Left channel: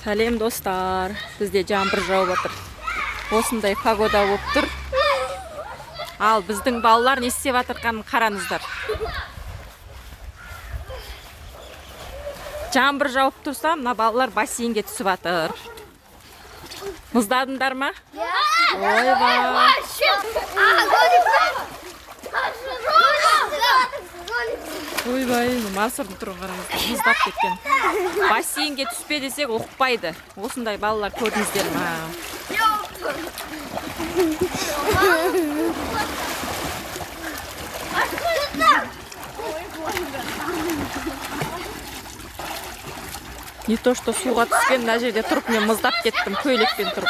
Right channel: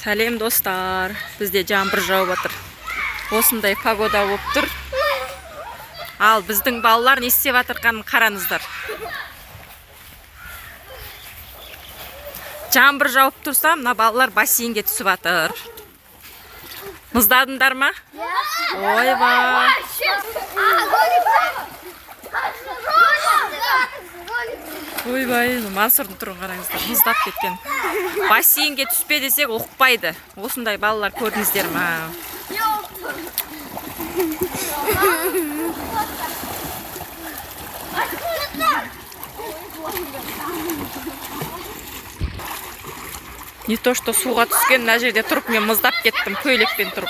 Сәлем достар, бізде жаңбыр жауып отыр. Осындай погода болып тұр. Ал біздің балалар не істеп жатырғанын қараңыздар. Жаңбыр жауып тұрса, мына балалар бассейнге түсіп жатыр. Мұздадыңдар ма? Ойбай. Ойбай, Мансұрдың тұрын қараңыздар, мұздап кеткен. Бассейнге түспе десек ұқпайды. Осындай балалар көрдіңіздер ма? Не то, что суға түскен, мына жерде тұрып, мен мұздап кеттім, көйлекпен тұрып.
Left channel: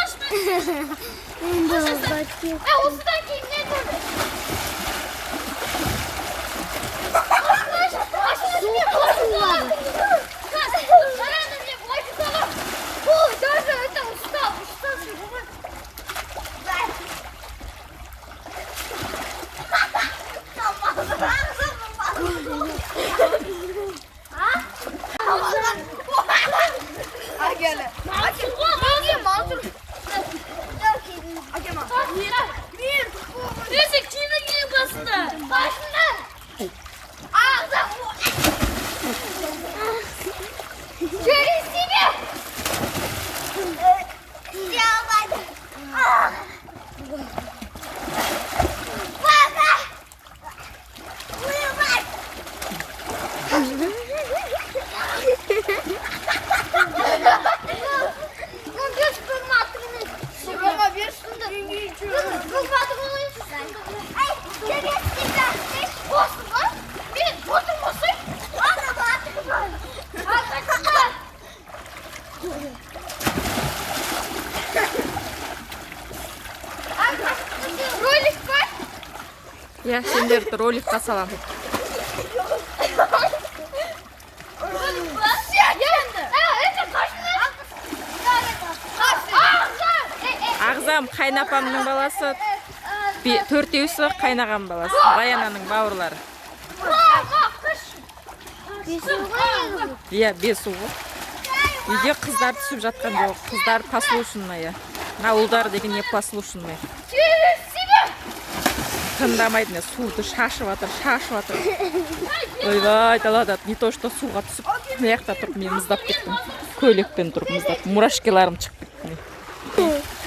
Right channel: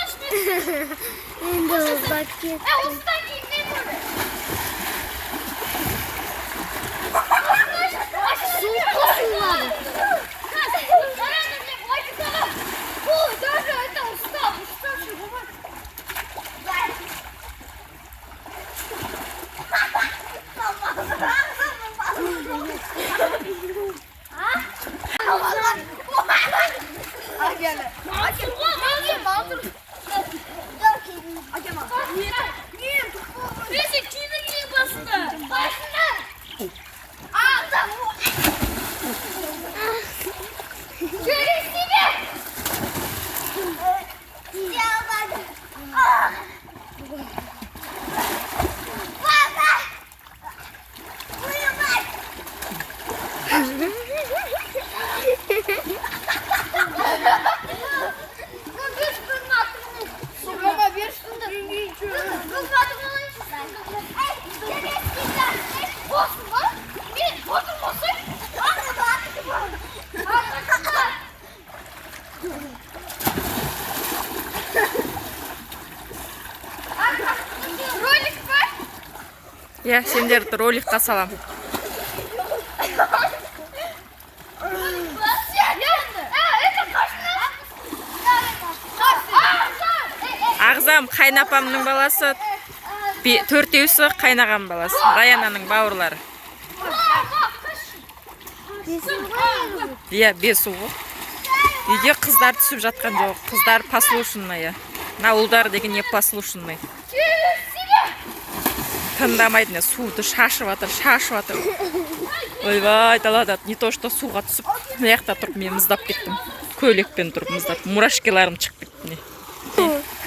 Я сендерді роликқа салам. Ағзам қайнапамның баласы, төртеусі қайнаған баласы, Раянаның бауырлары. Иә, бесу ғой. Үйде қыздар түсіп жатқан жоқ, қыздар послушный. На ұлдар деген не послушный. Тыңдамайды, суды шашып атыр. Ойбай, далада не то, что суға түсіп, маяқта тұрып, мен мұздап кеттім. Көйлекпен тұрып мұздап, мурашкеларым шығып кетті.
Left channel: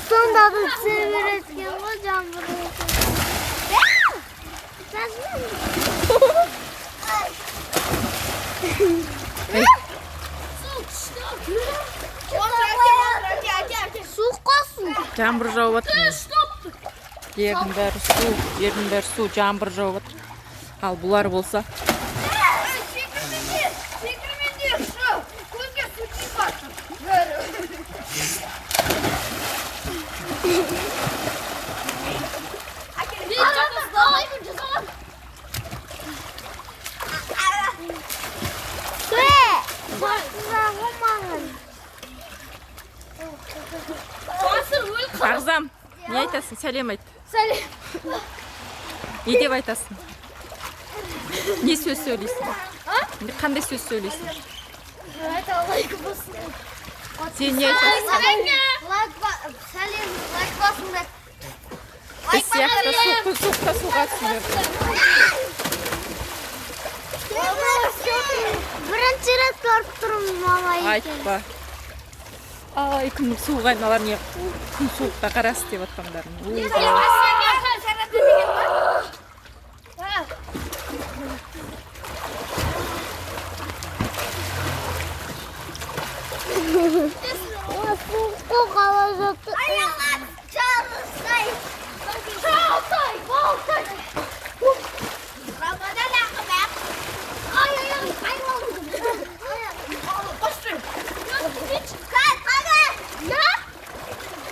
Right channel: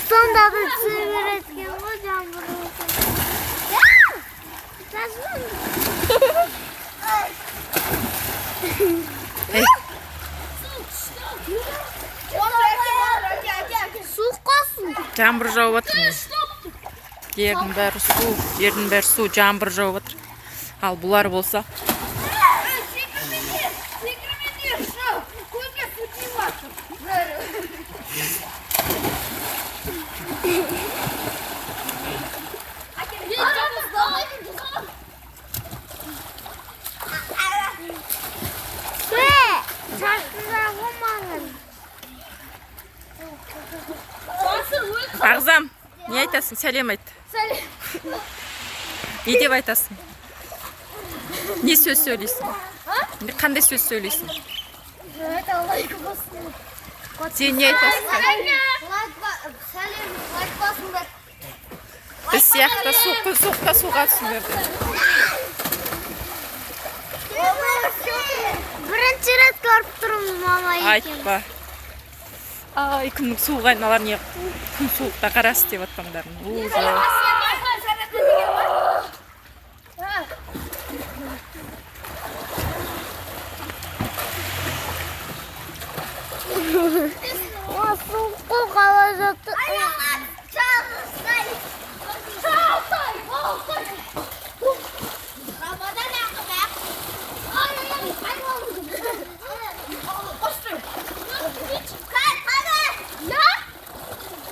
Сонда бір сөйбіреткен ғой жаңбыр. Суық қосын. Жаңбыр жауып атыр. Ердің бәрі су, жаңбыр жауып отыр. Ал бұлар болса. Ағзам, не айтасың? Сәлем айт. Не деп айтасың? Не сөз сөйлейсің? Қандай сөз сөйлейсің? Сен не айтасың? Біз сияқты суықта суға түсіңдер. Бірінші рет көріп тұрмын мама екен. Айтпа. Ай, күннің суық айналар не күн суықта қарасы деп атқандарын. Суықты қала жатты.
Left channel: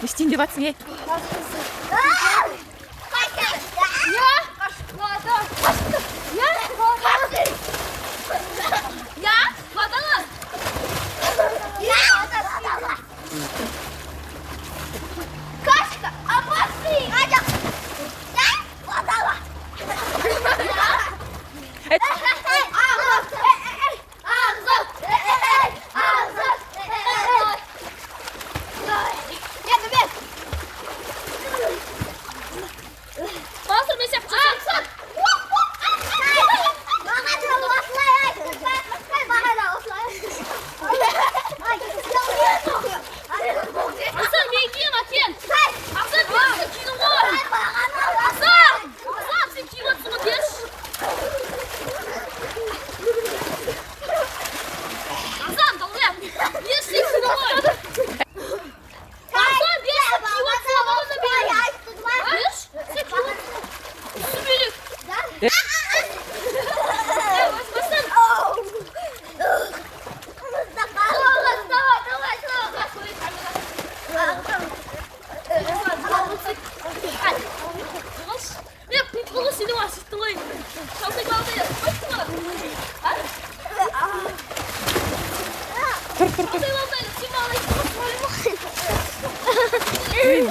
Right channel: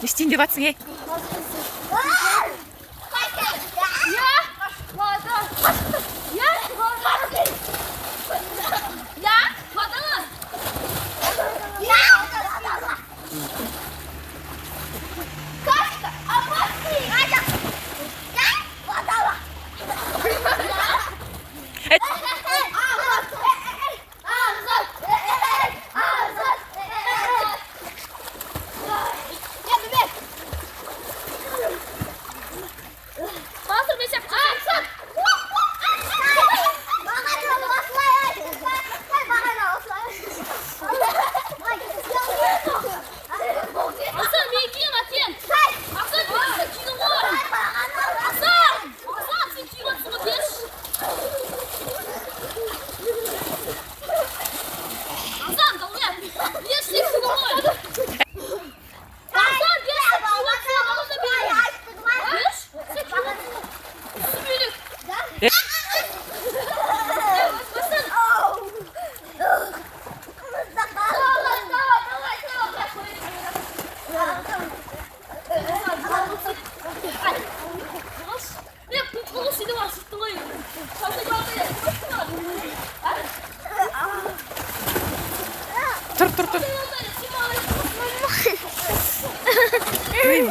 Не істейін деп атсың, ей?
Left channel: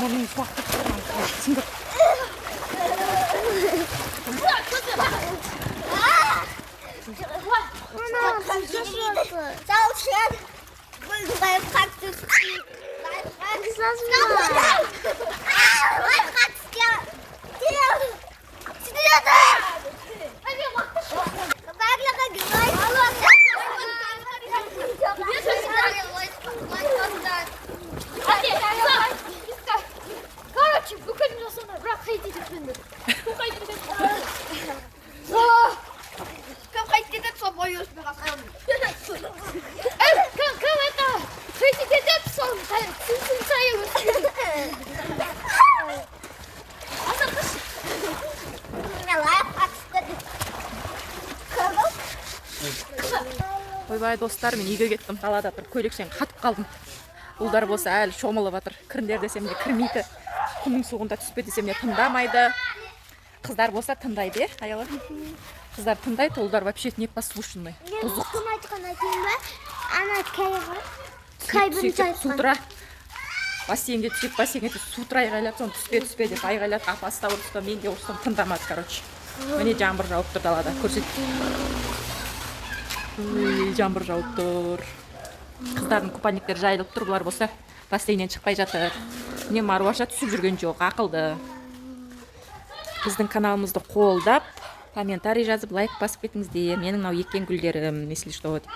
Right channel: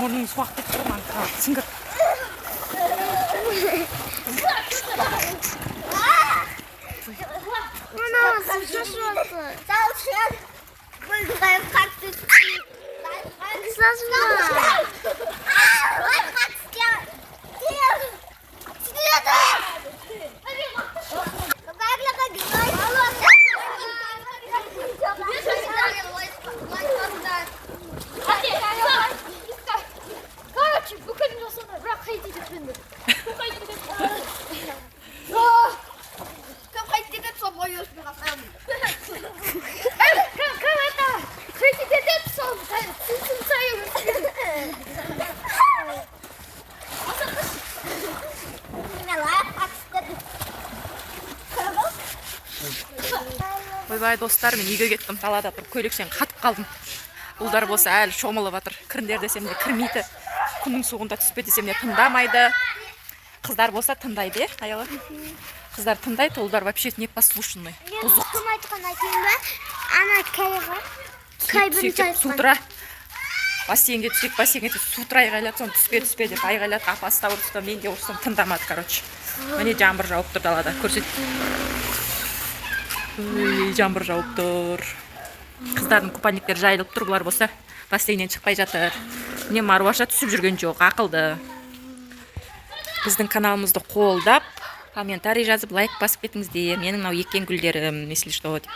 мұрның суақ кетіп тұр маған сіңгір. Ана, су шашып жатыр. Ойбай достар, мен үйге кеттім, далада тұрып көйлекшен қатып қалдым. Ұлдар болса әлі шомылып жатыр. Кіріңдер десем де кірмейді. Күннің суығында түспе десем де тыңдамайды. Қыздар болса тыңдайды, аяла. Қыздар тыңдайды, ұлдар вообще непослушный. Бұзық. Ана кайға. Сутра. Бассейнге түсіп, бассейнге сутра айғайлады, соны түспе деп айғайлады. Апасы да ұрысты, мен де ұрыстым, тыңдамады, короче. Міне жаңбыр жауып тұр далада, көрсет. Жаңбыр жауып тұр. Қыздардың купальниктері жайылып тұр, бұлар болса бассейннен шықпай жатыр. Міне Маруаша түсіп жүрген жоқ, ақылды. Біздің каналымызды қолдап, комментарий жазып, лайк басып кетіңіздер. Менің мынау еккен гүлдерім, если что, деп.